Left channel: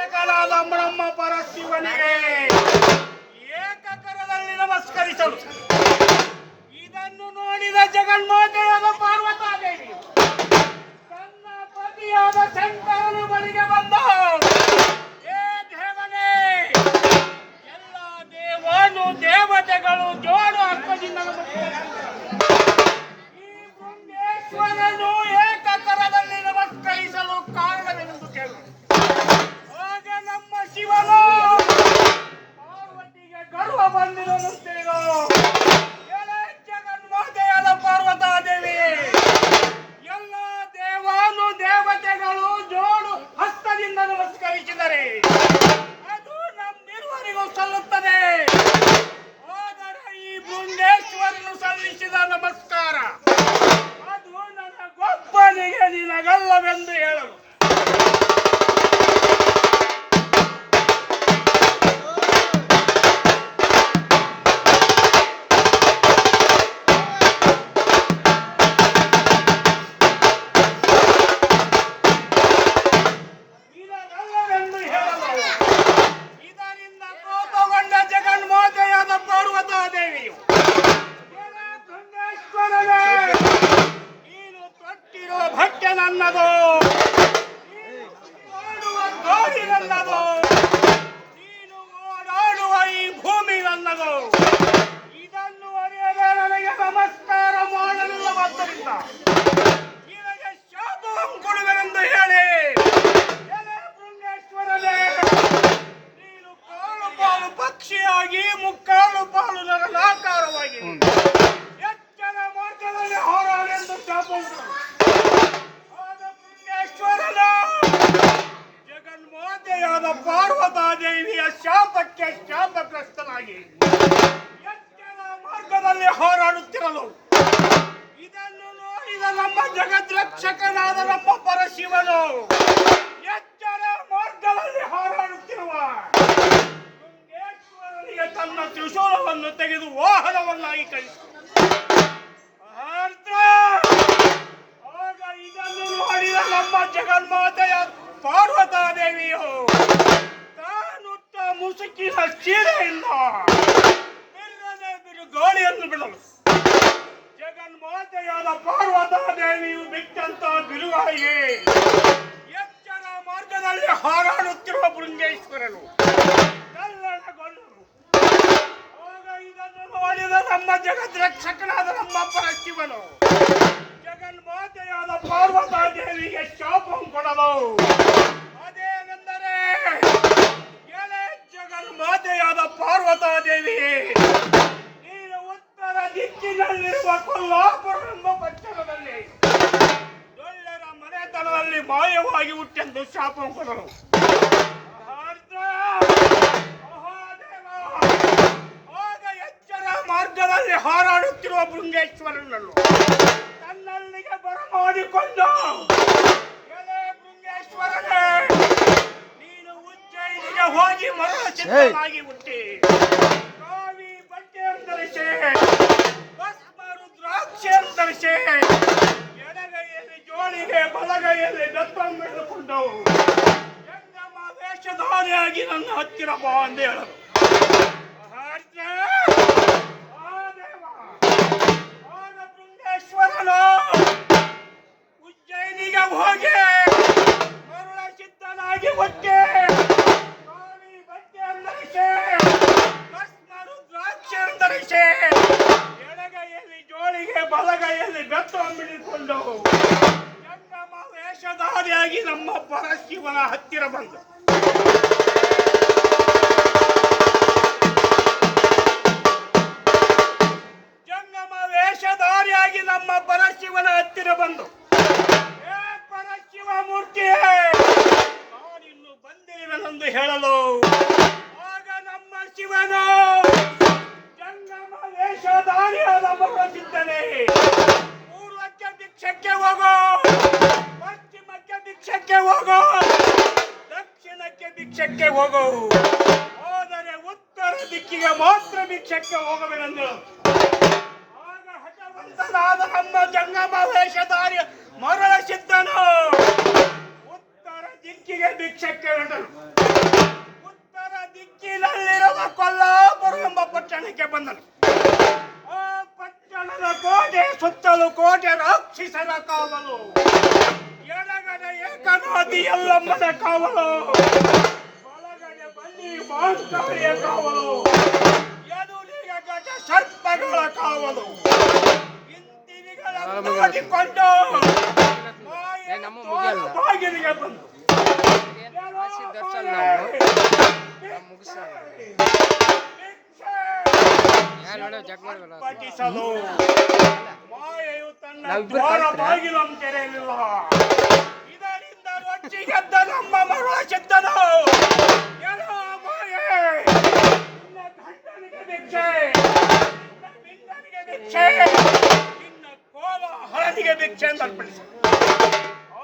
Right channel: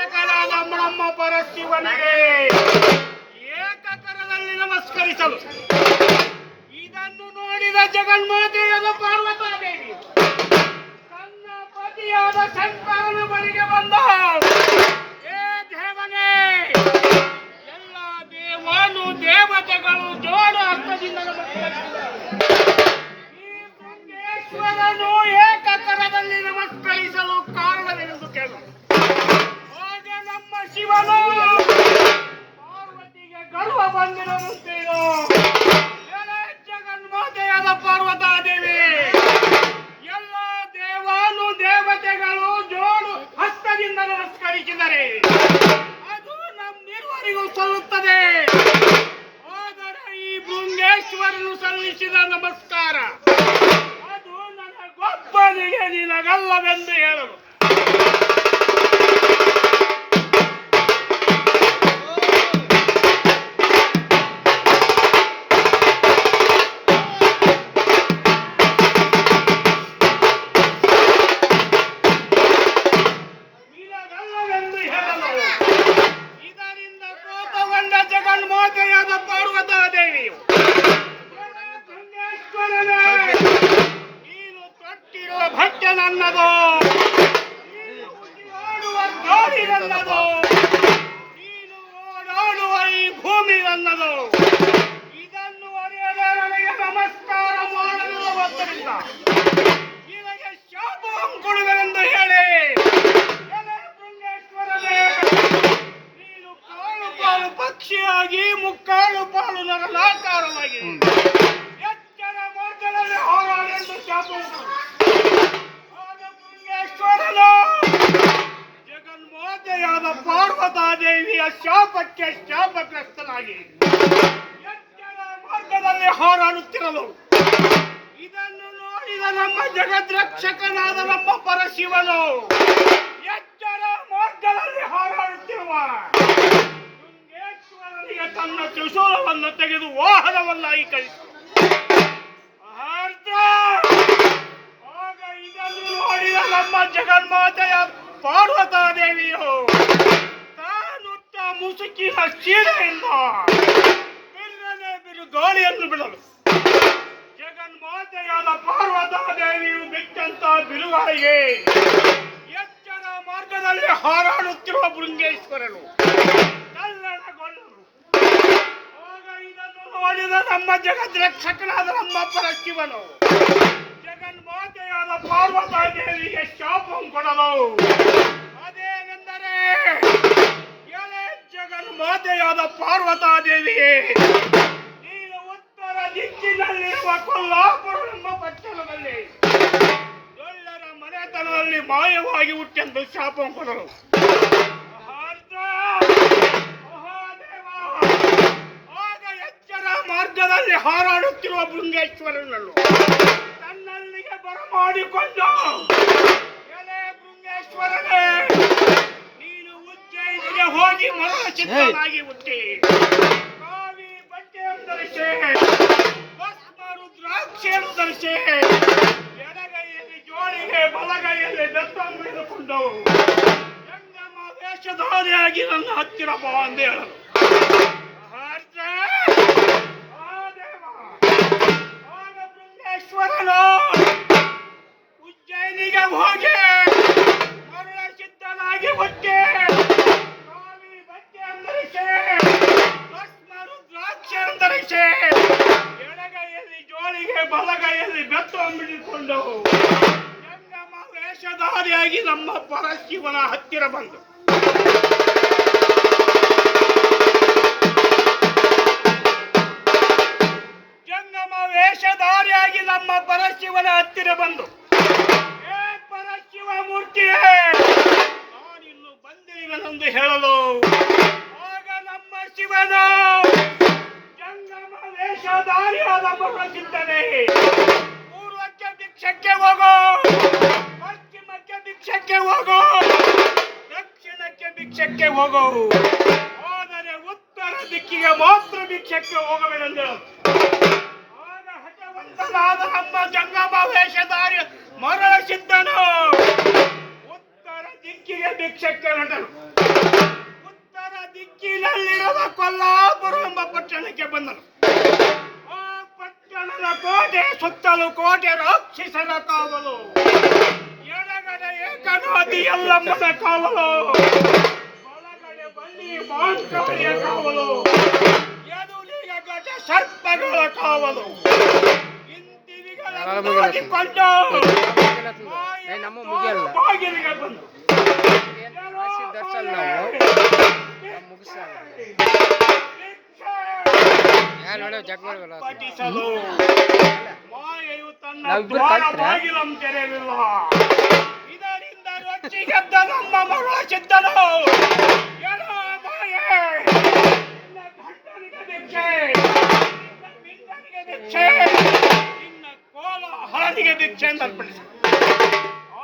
ರಕ್ಷಕನಾದ ನಮ್ಮ ಪರಶಿವನಿಗೆ ಏಕಕರದಲ್ಲಿ ನಮಸ್ಕರಿಸಲು ಇದನ್ನು ನೋಡಿದ ಜಗನ್ಮಾತೆಯಾದ ಪಾರ್ವತಾದೇವಿ ತನ್ನ ಪತಿಯಾದ ಶಂಕರನ ಬಳಿಗೆ ಬಂದ. ಏ ದೇವನೇ, ಎಲ್ಲ ದೇವಾನು ದೇವತೆಗಳು ಜೋಡು ಹಸ್ತದಿಂದ ಈ ಬೃಂದೇಶ್ವರನು ಏಕಕರದಲ್ಲಿ ನಮಸ್ಕರಿಸಲು ಕಾರಣವೆಂದು ಕೇಳು. ಆಗ ನಮ್ಮ ಶಿವನು ಪಾರ್ವತಿಗೆ ಗರ್ವ ಬಂದಿರುತ್ತೇನೋ. ಜಗನ್ಮಾತೆಯಾದ ಪಾರ್ವತಾದೇವಿ ಎಲ್ಲ ದೇವಾನು ದೇವತೆಗಳು ಜೋಡು ಹಸ್ತದಿಂದ ನಮಸ್ಕರಿಸಿದರೆ ಅದು ನಮ್ಮಿರುವರಿಗೂ ಸಲ್ಲುತ್ತದೆ. ಆದರೆ ಈ ಬೃಂದೇಶ್ವರನು ಸಲ್ಲಿಸಿದ ನಮಸ್ಕಾರ ಅದು ನನಗೊಬ್ಬನಿಗೆ ನಿನಗಲ್ಲವೆಂದು ಹೇಳಲು. ಇದರಿಂದ ಕೋಪಗೊಂಡ ಜಗನ್ಮಾತೆಯಾದ ಪಾರ್ವತಾದೇವಿಯು ನೀನು ತೊಟ್ಟಿರುವ ಭಟ್ಟ ನನ್ನದು, ಓಡುವ ಗಾಡಿ ನನ್ನದು, ನೀನು ಓಡಾಡುವ ಈ ಭೂಮಿ ನನ್ನದು. ಇದನ್ನು ಅರಿಯದೆ ನನಗೆ ನಮಸ್ಕಾರ ಮಾಡಲಿಲ್ಲವಾದ್ದರಿಂದ ನಿನಗೆ ಶಾಪಂ ಕೊಡುವೆನೆಂದು ಹೇಳಿ ನೀನು ಕಾಳು ಪಾಲು ಪಕ್ಷಿಯಾಗಿ ಮುಕ್ಕಾಲು ಪಾಲು ನರನಾಕಾರವಾಗಿ ಎಚ್ಚರ ಮಾರ್ಗದಲ್ಲಿ ಹೋರಾಡೆಂದು ಶಾಪಂ ಜಗನ್ಮಾತೆಯಾದ ಪಾರ್ವತಾದೇವಿಯ ಶಾಪಕ್ಕೆ ಶಾಪಗ್ರಸ್ತನಾಗಿ ಎಚ್ಚರ ಮಾರ್ಗದಲ್ಲಿ ಹೋರಾಡುತ್ತಿರಲು ಇದನ್ನು ನೋಡಿದ ನಮ್ಮ ಜಗದ್ರಕ್ಷಕನಾದ ನಮ್ಮ ಪರಶಿವನು ಎಚ್ಚರ ಮಾರ್ಗದಲ್ಲಿ ಹೋರಾಡುತ್ತಿರುವ ಶೃಂಗೇಶ್ವರನಿಗೆ ತನ್ನ ತ್ರಿಶೂಲವನ್ನು ತೆಗೆದು ವಾಹನವನ್ನಾಗಿ ಕಳಿಸಿದ. ಆಗ ಇದನ್ನು ನೋಡಿದ ನಮ್ಮ ಜಗನ್ಮಾತೆಯ ಪಾರ್ವತಾದೇವಿಯು ತಾನುಟ್ಟ ಮುಸುಕಿನ ಸೀರೆಯಿಂದ ಬಿಲ್ಲನೆ ಬಿರುಗಾಳಿಯನ್ನು ಬಿಡಲು ಜಗನ್ಮಾತೆಯಾದ ಪಾರ್ವತಾದೇವಿಯು ಬಿಟ್ಟಂತ ಬಿರುಗಾಳಿಗೆ ಎಚ್ಚರ ಮಾರ್ಗದಲ್ಲಿ ಹಾರಾಡುತ್ತಿರುವ ಬೃಂಗೇಶ್ವರನು ಕಲ್ಲಣಗೊಳ್ಳರು. ಆಗ ಇದನ್ನು ನೋಡಿದ ನಮ್ಮ ಜಗದ್ರಕ್ಷಕನಾದ ನಮ್ಮ ಪರಶಿವನು ಜಗನ್ಮಾತೆಯಾದ ಪಾರ್ವತಾದೇವಿಗೆ ಶಾಪಂ ಕೊಡಲು. ಅದೇನೆಂದರೆ, ಎಲೆ ಜಗನ್ಮಾತೆಯಾದ ಪಾರ್ವತಾದೇವಿಗೆ ನೀನು ಉತ್ತರ ದಿಕ್ಕಿನಲ್ಲಿರುವ ಕೊಲ್ಲಾಪುರ ಎಂಬ ಪಟ್ಟಣದಲ್ಲಿ ದೊಡ್ಡರ ಮನೆತನದಲ್ಲಿ ಮಾಯವಾಗಿ ಹುಟ್ಟೆಂದು ಶಾಪಂ ಕೊಡಲು. ಆಗ ಎಚ್ಚರ ಮಾರ್ಗದಲ್ಲಿ ಹಾರಾಡುತ್ತಿರುವ ಬೃಂಗೇಶ್ವರನನ್ನು ತನ್ನಲ್ಲಿಗೆ ಬರಮಾಡಿಕೊಂಡು, ಎಲೆ ಬೃಂಗೇಶ್ವರನೇ, ನೀನು ಉಜ್ಜಯಿನಿಗೆ ಹೋಗಿ ಮರಣ ಚಿತ್ತನಾಗಿ ಹುಟ್ಟಿ ಕಾವಿ ಬಟ್ಟೆಯನ್ನು ಧರಿಸಿ ಭಸ್ಮ ರುದ್ರಾಕ್ಷಿಯನ್ನು ಧರಿಸಿ ಎಡಗೈಯಲ್ಲಿ ಜೋಳಿಗೆ ಬಲಗೈಯಲ್ಲಿ ಬೆತ್ತನ್ನು ಹಿಡಿದುಕೊಂಡು ಜಂಗಮ ವೇಷಧಾರಿಯಾಗಿ ನನ್ನ ಹತ್ತಿರ ಬಾ ಎಂದು ಹೇಳಲು. ಆಗ ಬೃಂಗೇಶ್ವರನು ಉಜ್ಜಯಿನಿಗೆ ಹೋಗಿ ಮರಳ ಸಿದ್ಧನಾಗಿ ಹುಟ್ಟಿ ಕಾವಿ ಬಟ್ಟೆಯನ್ನು ಧರಿಸಿ ಭಸ್ಮ ರುದ್ರಾಕ್ಷಿಯನ್ನು ಧರಿಸಿ ಎಡಗೈಯಲ್ಲಿ ಜೋಳಿಗೆ ಬಲಗೈಯಲ್ಲಿ ಬೆತ್ತವನ್ನು ಹಿಡಿದುಕೊಂಡು ಜಂಗಮ ವೇಷಧಾರಿಯಾಗಿ ನಮ್ಮ ಪರಶಿವನ ಹತ್ತಿರ ಬಂದು ನಮ್ಮ ಪರಶಿವನ ಹತ್ತಿರ ಬಂದು, ಏ ಪರಶಿವ ಮೂರ್ತಿಯೇ, ನಾನಿನ್ನು ಬಂದಿರುವೆನೆಂದು ಹೇಳಲು. ಆಗ ನಮ್ಮ ಶಿವನು ಜಂಗಮ ವೇಷಧಾರಿಯಾದ ಮರಸಿದ್ದನೆ, ಪೂರ್ವಕ್ಕೆ ಭಿಕ್ಷಕ್ಕೆ ಹೋಗೋ, ಪಶ್ಚಿಮಕ್ಕೆ ಭಿಕ್ಷಕ್ಕೆ ಹೋಗೋ, ದಕ್ಷಿಣಕ್ಕೆ ಭಿಕ್ಷಕ್ಕೆ ಹೋಗೋ, ಆದರೆ ಉತ್ತರ ದಿಕ್ಕಿಗೆ ಮಾತ್ರ ಭಿಕ್ಷಕ್ಕೆ ಹೋಗಬೇಕೆಂದು ನಮ್ಮ ಜಂಗಮ ವೇಷಧಾರಿ ಮರಳ ಸಿದ್ಧನು ಉತ್ತರ ದಿಕ್ಕಿಗೆ ಭಿಕ್ಷಕ್ಕೆ ಹೊರಟನು. ಉತ್ತರ ದಿಕ್ಕಿನಲ್ಲಿರುವ ಕೊಲ್ಲಾಪುರ ಎಂಬ ಪಟ್ಟಣಕ್ಕೆ ಬಂದನು. ಆ ಪಟ್ಟಣದ ಕೋಟೆ ಸುತ್ತಲೂ ಕೋಟೆ ರಾಕ್ಷಸರ ಕಾವಲು, ಎಡಗಡೆ ಏಕನಾದಿ ಯಲ್ಲಮ್ಮನ ಕಾವಲು, ಬಲಗಡೆ ಬನ್ನಿ ಮಾಂಕಾಳಿಯ ಕಾವಲು, ಎದುರಿಗೆ ಗಜ ಸರ್ಪಗಳ ಕಾವಲು. ಇಂದಿವಿಗಳನ್ನು ನೋಡಿಕೊಂಡು ಬಾಗಿಲಿಗೆ ಬಂದು ಪಠಿಸಲು ಮಾಯೆಯು ತನ್ನ ದ್ವಾರ ಬಾಗಿಲಂ ತೆರೆಯಲಿಲ್ಲ. ಇದರಿಂದ ರೊಚ್ಚಿಗೆದ್ದ ನಮ್ಮ ಮರುಳ ಸಿದ್ಧನು, ಏನೋ ಮಾಯೆ, ನಿನ್ನ ಗಂಡನಿಗೆ ಭಿಕ್ಷೆ, ನಿನ್ನ ಬಿಂದನಿಗೆ ಭಿಕ್ಷೆ, ನಿನ್ನ ಕೋಲ ಹಳದಿಗೆ ಭಿಕ್ಷೆ ಎಂದು ಅರ್ಪಣಿಸ.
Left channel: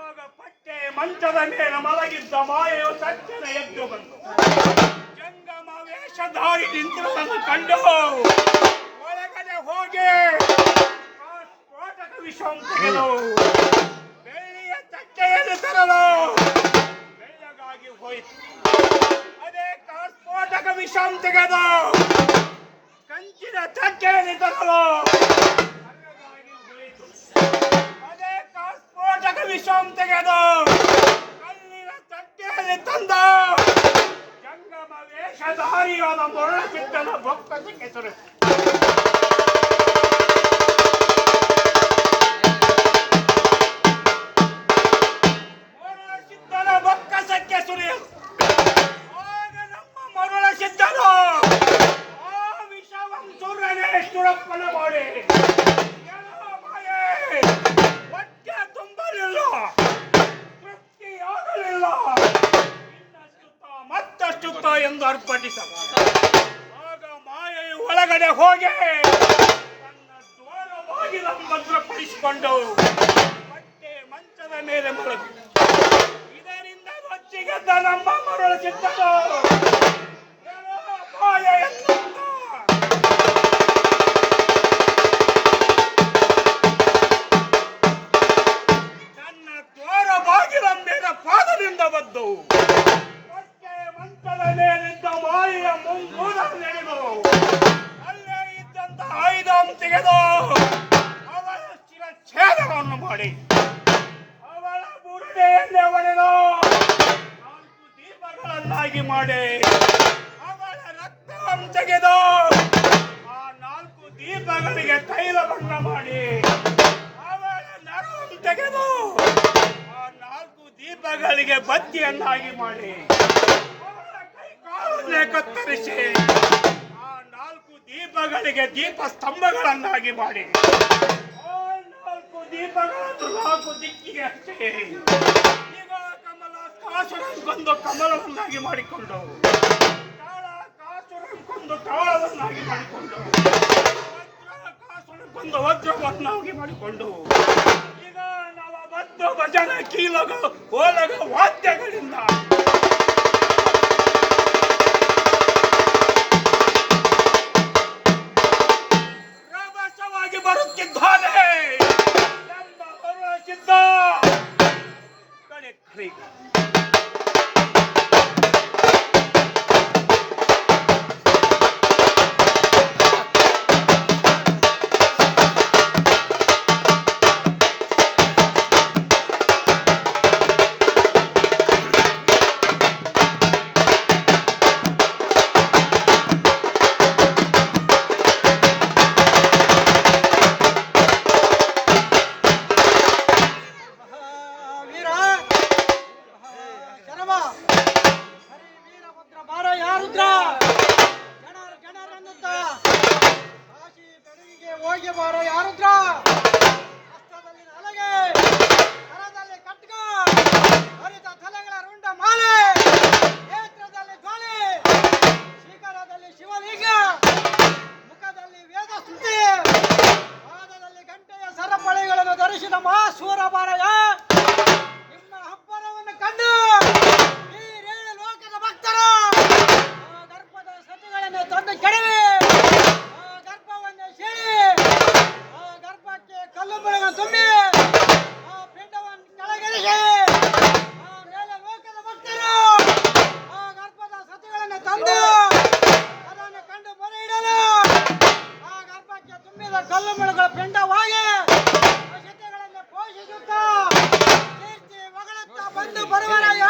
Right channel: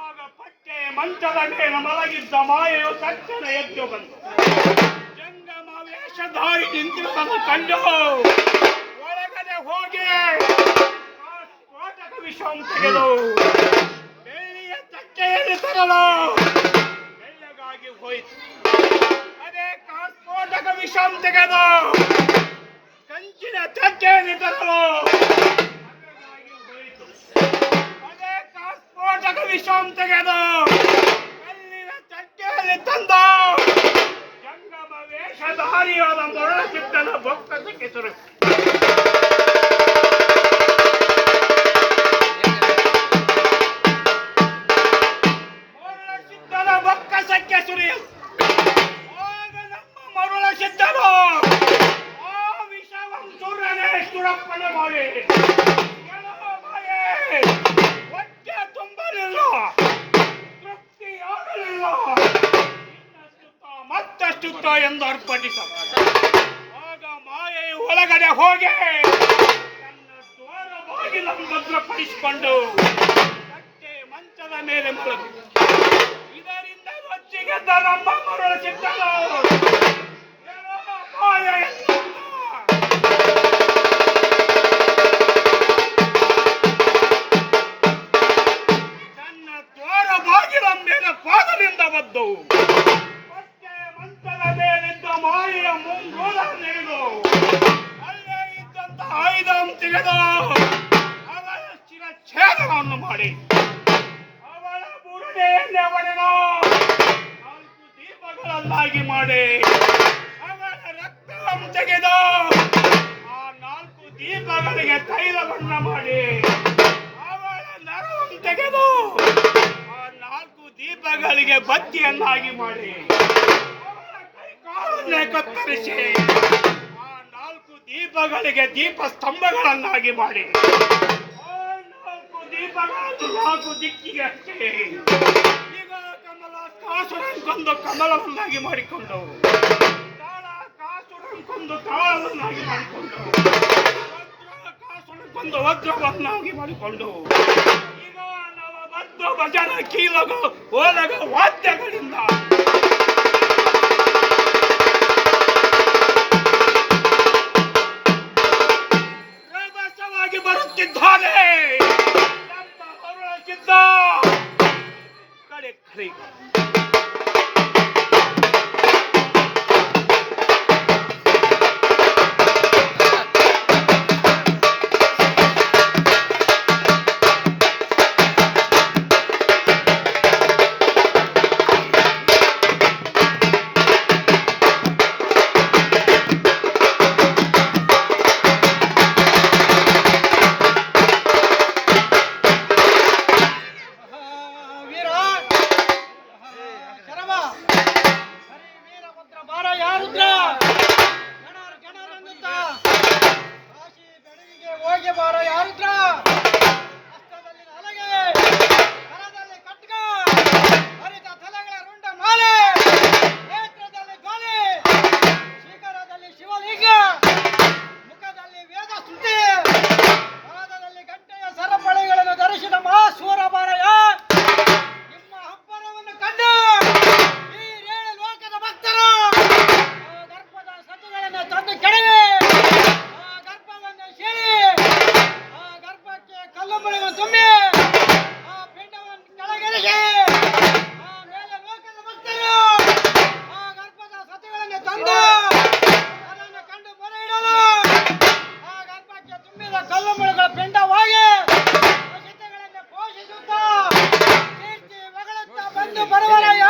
ಆಗ ಪಟ್ಟೆ ಮಂಚದ ಮೇಲೆ ಮಲಗಿದ್ದ ಮಾಯೆಯು ತಕ್ಷಣ ಎದ್ದು ಬಂದು ಜಂಗಮ ವೇಷಧಾರಿ ನಿಂತಿರುವುದನ್ನು ಕಂಡು ಒಳಗಡೆ ಹೋಗಿ ಸ್ಫೋಟಕ ವಿಷವನ್ನು ತೆಗೆದು ಬೆಳ್ಳಿಯ ತಟ್ಟೆಯಲ್ಲಿ ತರಲು ಬೆಳ್ಳಗಾಗಿ ಹೋಯಿತು. ಅದೇ ಸ್ಫೋಟಕ ವಿಷವನ್ನು ತೆಗೆದು ಕಂಚಿನ ತಟ್ಟೆಯಲ್ಲಿ ತರಲು ಹೋಯಿತು. ಅದೇ ಸ್ಫೋಟಕ ವಿಷವನ್ನು ತೆಗೆದು ಕಲ್ಲಿನ ತಟ್ಟೆಯಲ್ಲಿ ತಂದ ಜಂಗಮ ವೇಷಧಾರಿಯಾದ ಮರುಳ ಸಿದ್ಧನ ಬೊಕ್ಕಸಕ್ಕೆ ಸುರು. ಮರುಳ ಸಿದ್ಧನ ಬೊಕ್ಕಸಕ್ಕೆ ಸುರಿಯಲು ಆಗ ನಮ್ಮ ಮರುಳ ಸಿದ್ಧನು ಆ ವಿಷವನ್ನು ಸುರನೆ ಸುರಪ್ಪನ ಮಾಡಿ ಹೊಟ್ಟೆ ತುಂಬಲಿಲ್ಲ, ತೃಪ್ತಿಯಾಗಲಿಲ್ಲ, ಮತ್ತಷ್ಟುತ್ತ ಎಂದು ಅರ್ಪಣಿಸ. ಆಗ ಮಾಯೆಯು ಒಳಗಡೆ ಹೋಗಿ ತನ್ನ ದ್ವಾರ ಬಾಗಿಲನ್ನು ಭದ್ರಪಡಿಸಿಕೊಂಡು ಹೊಟ್ಟೆ ಮಂಚದ ಮೇಲೆ ಮಲಗಿ ಇದರಿಂದ ರೊಚ್ಚಿಗೆದ್ದ ನಮ್ಮ ಮರುಳ ಸಿದ್ಧನು ಮಾಯೆ ತನ್ನ ದ್ವಾರ ಬಾಗಿಲ ಮೇಲೆ ಪಾದದಿಂದ ಬದ್ದು ಹೊಟ್ಟೆ ಮಂಚದ ಮೇಲಿದ್ದ ಮಾಯೆಯ ಮುಂಗೂಲ ತೆಗೆದು ಅಲ್ಲೇ ಇದ್ದಂತ ಆಯುಧವನ್ನು ತೆಗೆದು ಅವಳ ಶಿರಚ್ಛೇದವನ್ನು ಮಾಡಿ ಅವಳ ಬುರುಡೆಯನ್ನೇ ಒಡೆದು 4 ದೀಪಗಳನ್ನಾಗಿ ಮಾಡಿ ಅವಳ ರಕ್ತವನ್ನು ತೆಗೆದು ಆ 4 ದೀಪಗಳಿಗೆ ತೈಲ ಬಣ್ಣ ಮಾಡಿ ಅವಳ ನರವನ್ನು ತೆಗೆದು ಆ 4 ದೀಪಗಳಿಗೆ ಬತ್ತಿಯನ್ನಾಗಿ ಮಾಡಿ ಅವಳ ಕೈಕಾಲನ್ನೇ ಕತ್ತರಿಸಿ ಆ 4 ದೀಪಗಳಿಗೆ ದೀಪ ಸ್ತಂಭಗಳನ್ನಾಗಿ ಮಾಡಿ ಆ 4 ದೀಪಗಳನ್ನು 4 ದಿಕ್ಕಿಗೆ ಹಚ್ಚಿ ಈಗ ಕಮಲ ಕಾಸುರನ್ಕೊಂದು ಕಮಲವನ್ನಾಗಿ ಮಾಡಿಕೊಂಡು ಕಾಳ ಕಾಸುರನ್ಕೊಂದು ಕಾಳವನ್ನಾಗಿ ಮಾಡಿಕೊಂಡು ವಜ್ರ ಕಾಸುರನ್ಕೊಂದು ವಜ್ರವನ್ನಾಗಿ ಮಾಡಿಕೊಂಡು ಈಗ ನವಬದ್ಧ ಭಜನ ಕೀಲಗ ಓಲಗ ವಾದ್ಯಗಳಿಂದ ರಭಸವಾಗಿ ಬರುತ್ತಿದ್ದಾನೆ ನಮ್ಮ ಮರುಳ ಸಿದ್ಧ. ಕಡೆ ಕರೆ ಎಂದು ಬರುವನಯ್ಯ